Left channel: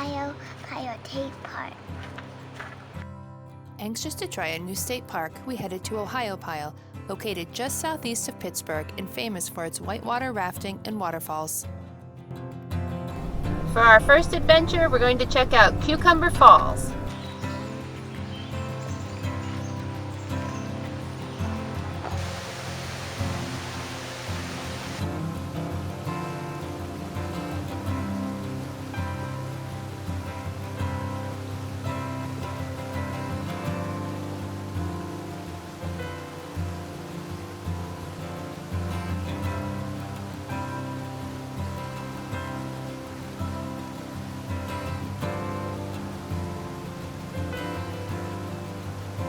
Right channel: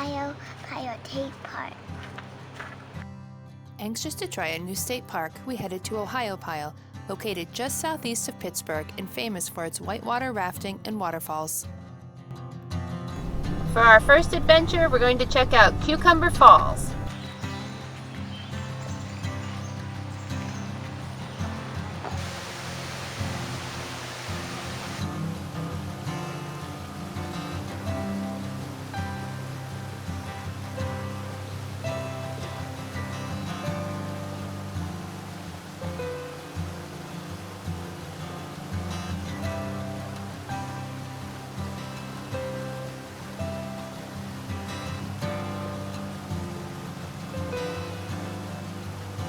Ohiopyle State Park. Anxious to try a new state park, we headed to Ohiopyle, located just southeast of Pittsburgh and famous for its whitewater rafting and waterfalls. For our first adventure, we're going to check out Cucumber Falls.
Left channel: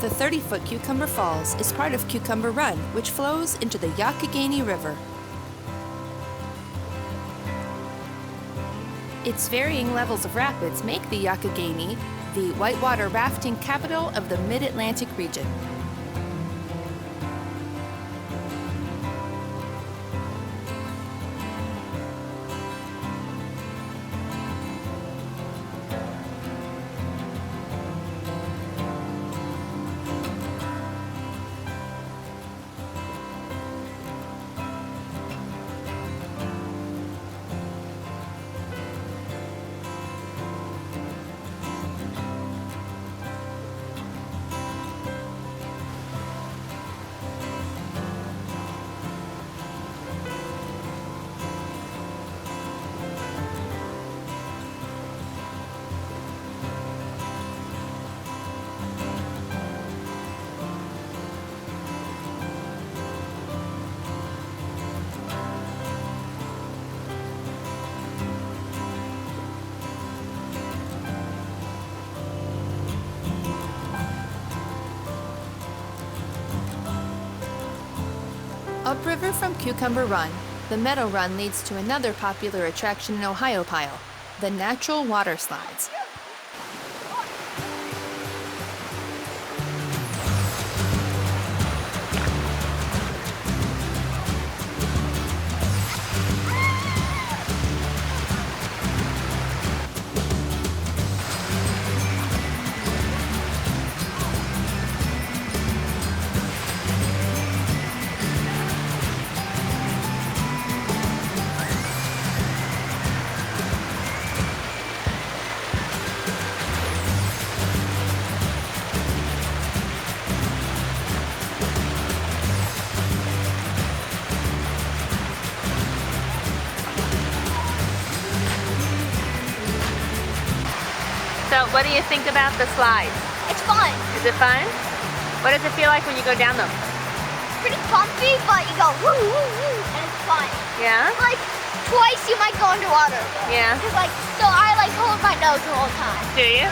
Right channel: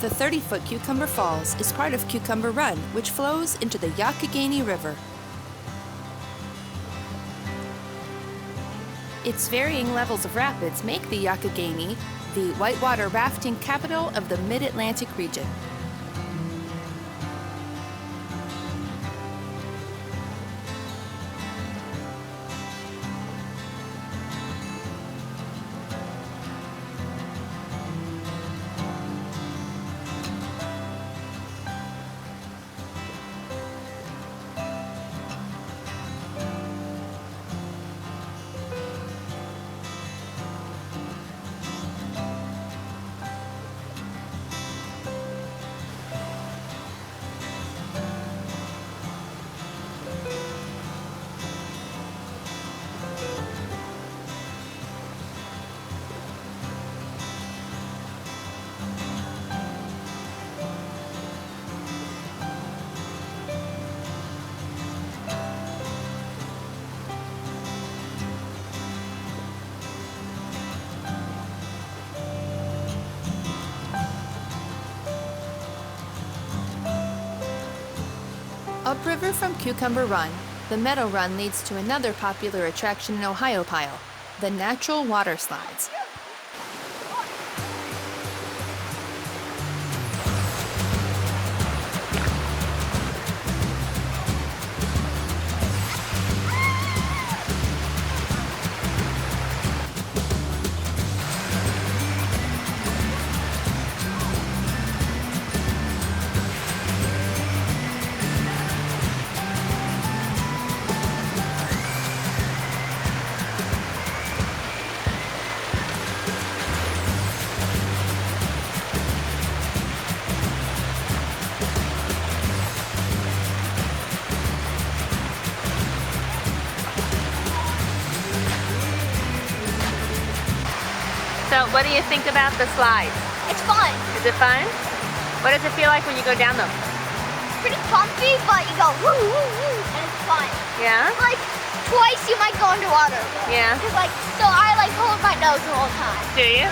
The 30-foot Cucumber Falls is part of Cucumber Run, which flows into the Yawk-i-gay-nee River. Its varying levels of rapids make the Youghiogheny the whitewater rafting capital of the Mid-Atlantic region. Upriver from Cucumber Run, the Meadow Run leads to another popular attraction in Ohiopyle, the natural water slides. So what do you think about the slides? It's fun. Is it fun? What does it feel like when you go down them? Pretty bumpy, but you go woo woo woo, and it's fun. Yeah? Like twice you might go underwater. Yeah. So I hold my nose the whole time. Do you?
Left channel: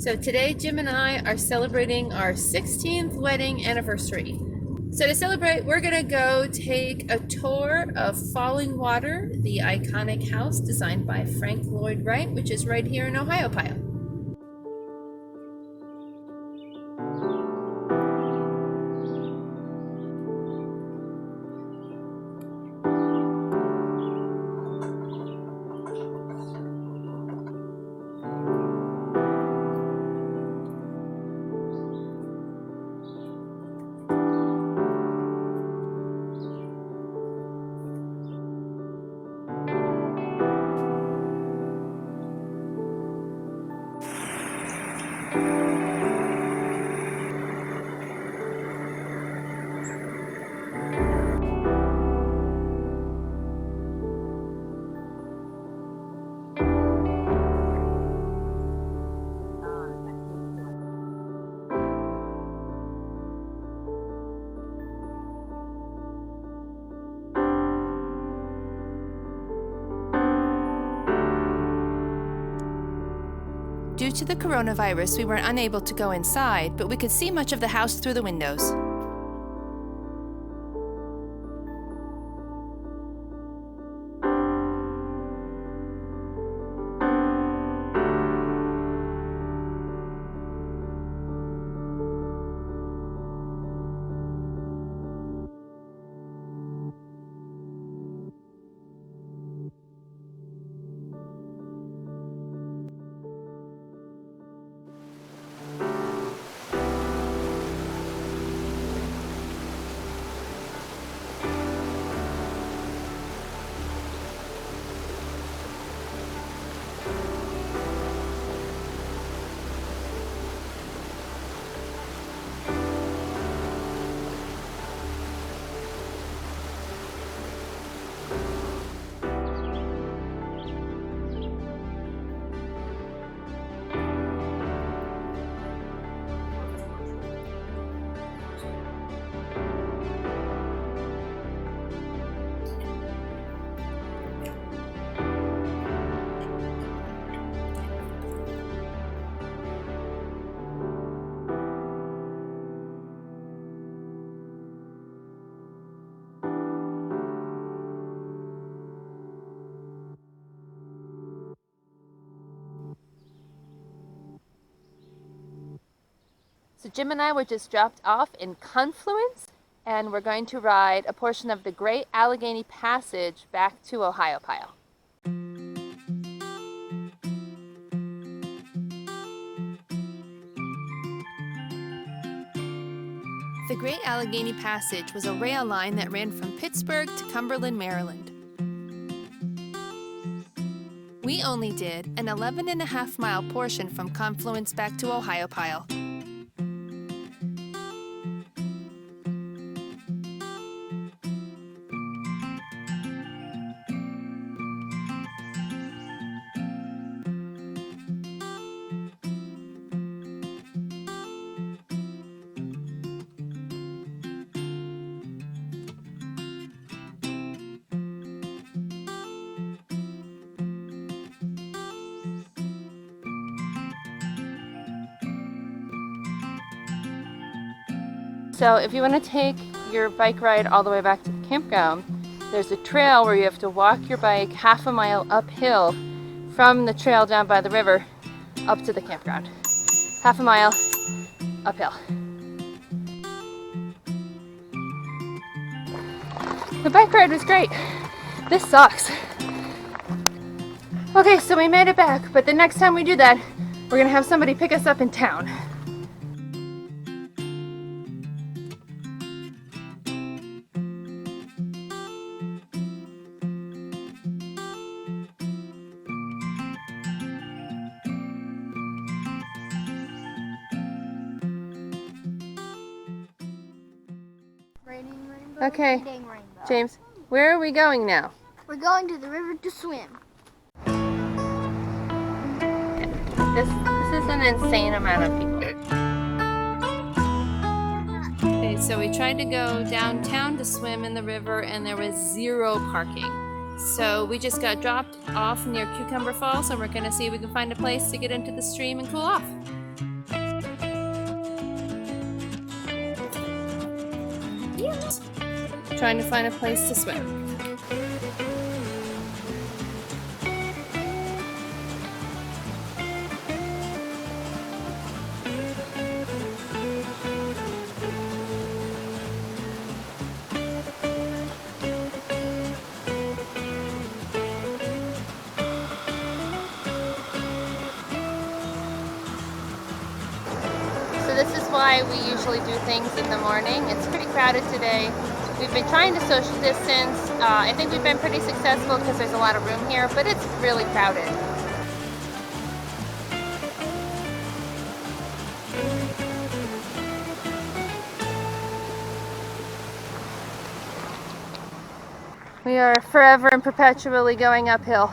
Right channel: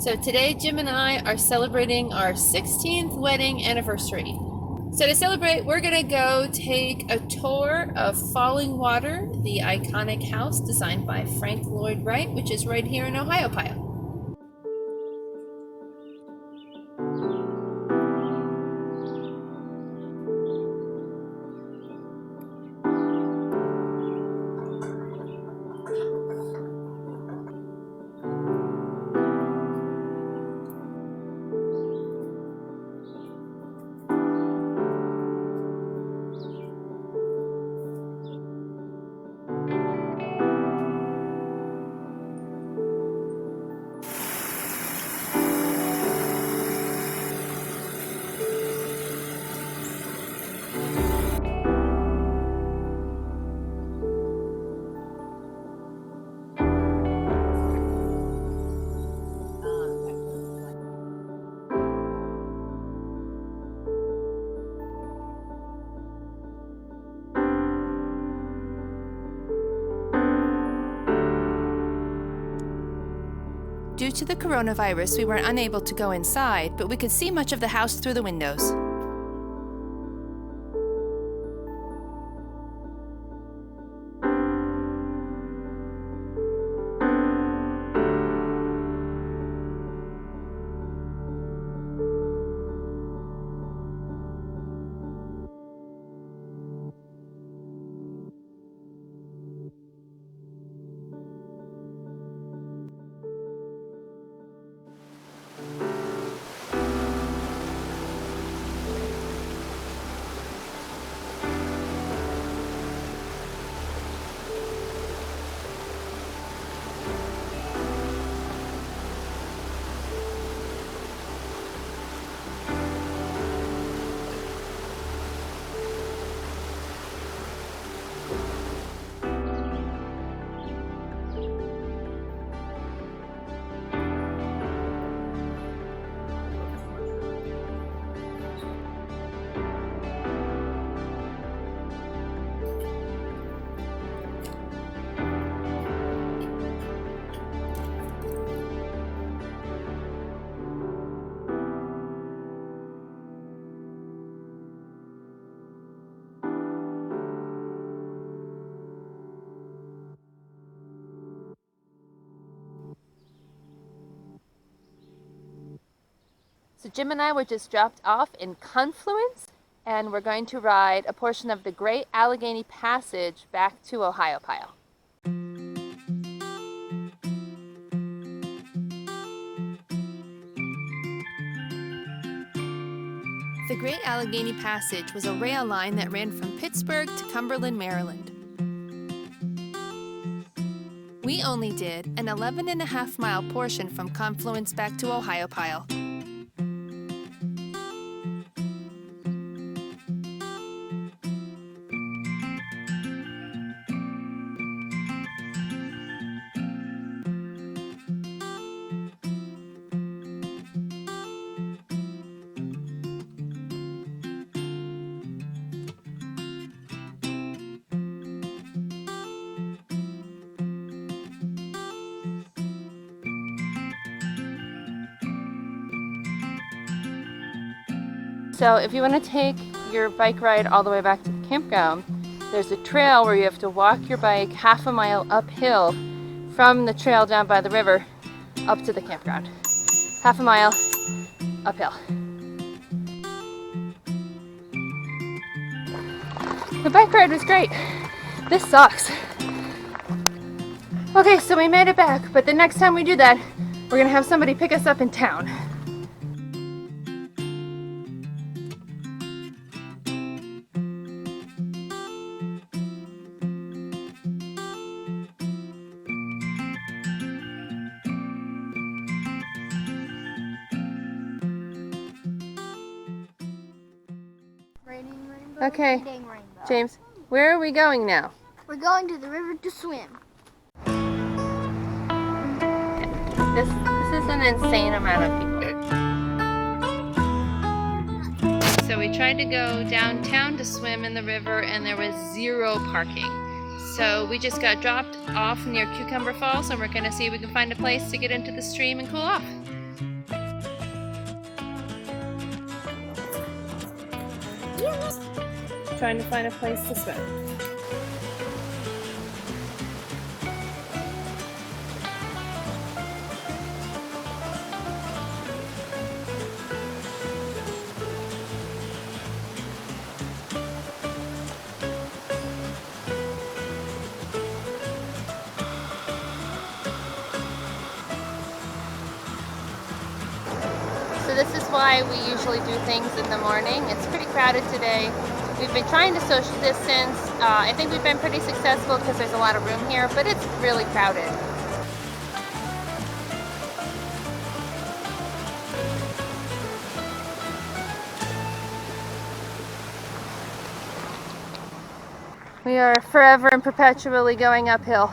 So today, Jim and I are celebrating our 16th wedding anniversary. So to celebrate, we're gonna go take a tour of Fallingwater, the iconic house designed by Frank Lloyd Wright, which is right here in Ohiopyle. Due to the coronavirus, we were unable to go inside, but we could see much of the house through the windows. So Jim and I were just dropped off in Confluence, and we're going to ride a portion of the Great Allegheny Passage back to Ohiopyle. The Great Allegheny Passage was a rail line that ran from Pittsburgh to Cumberland, Maryland. We only did an 11.5-mile portion from Confluence back to Ohiopyle. So if you want to take your bike ride all the way back to the campground, there's a trail where you have to walk your bike half a mile uphill from the trail down by the river up to the campground. Half a mile uphill. The bike ride was great. This sucks. Okay, so we made it back, but the next time we do that, we're gonna have somebody pick us up in town. Raining rainbow. Okay, Raining rainbow. James, where are we going now? We're going to the river to swim. This is an insane amount of people. So we tried to go downtown to swim in the river and there was zero parking. So we just got dropped off near Cucumber Falls and we're gonna see if we can find a place to get into the stream and cool off. Trying to find a place to swim. So this is why we usually do things in the morning. It's pretty crowded today. We've been trying to social distance. I think we've been pretty successful because there's a lot of room here, but it's really crowded. We are forever and perpetually going uphill.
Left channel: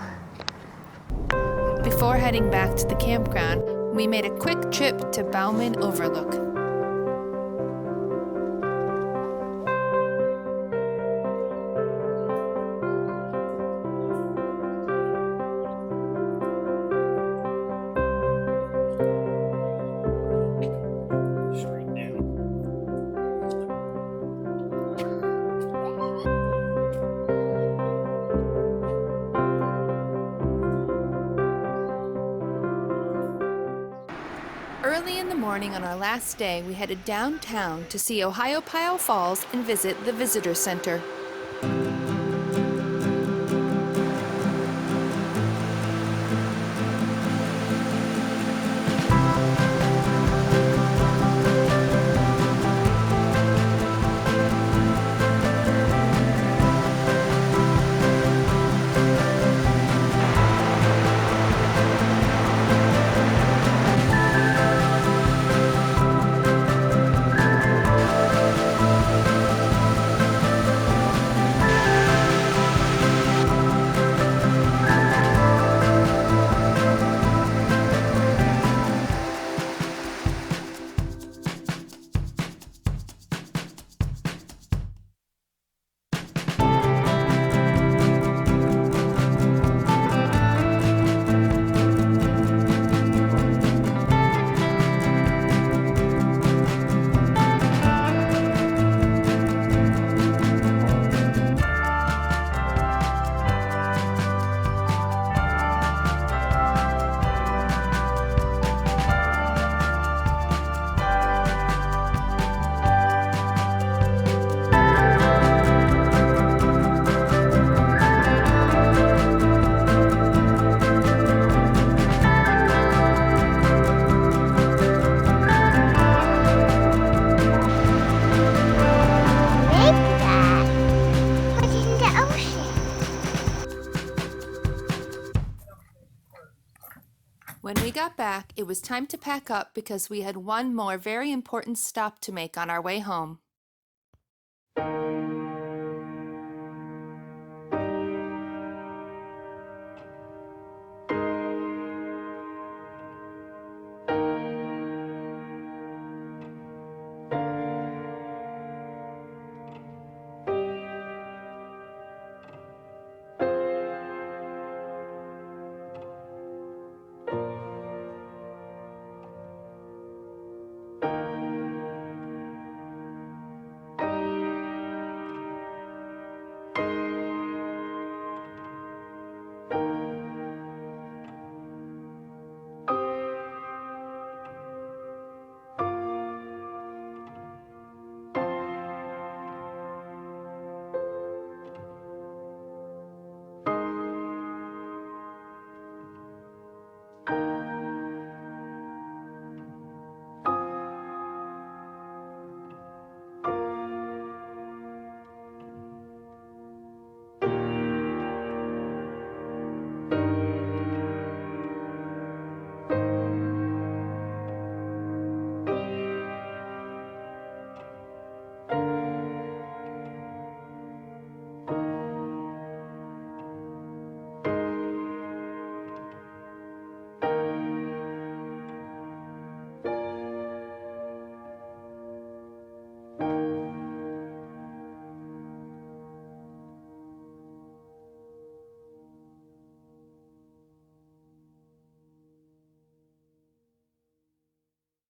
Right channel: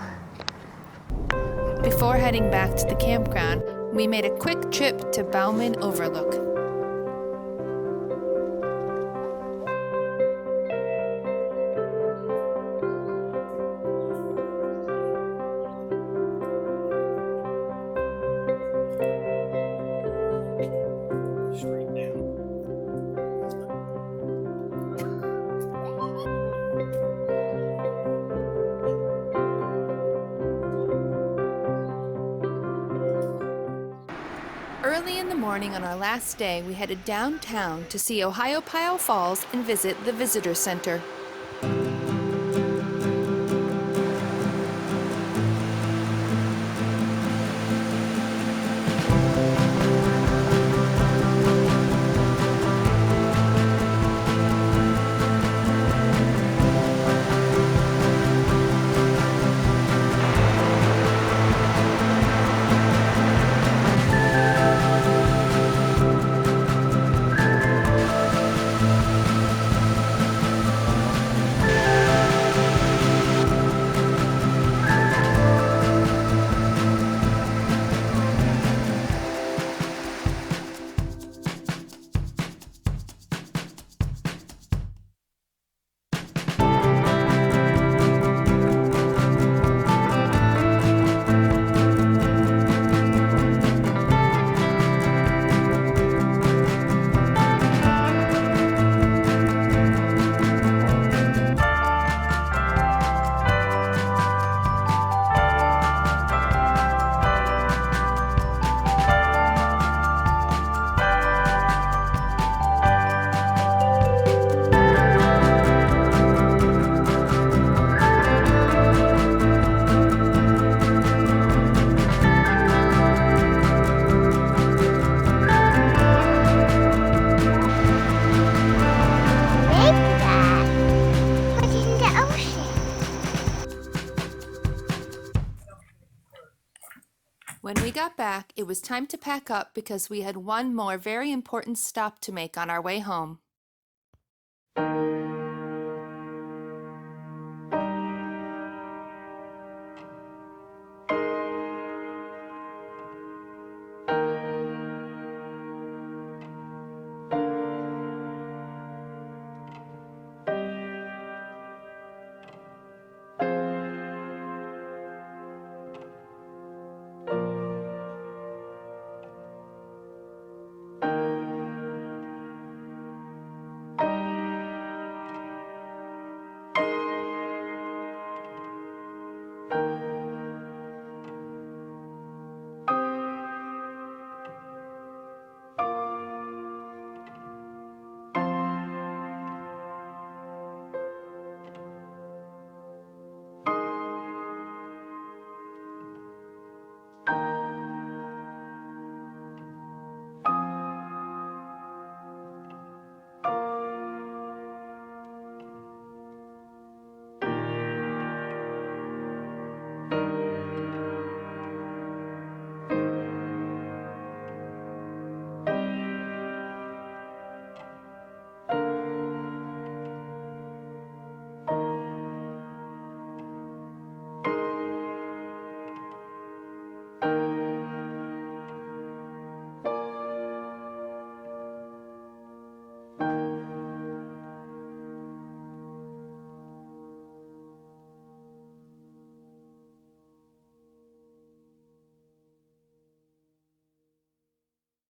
Before heading back to the campground, we made a quick trip to Baughman Overlook. Early in the morning on our last day, we headed downtown to see Ohiopyle Falls and visit the Visitor Center. When we got back, it was time to pack up because we had one more very important stop to make on our way home.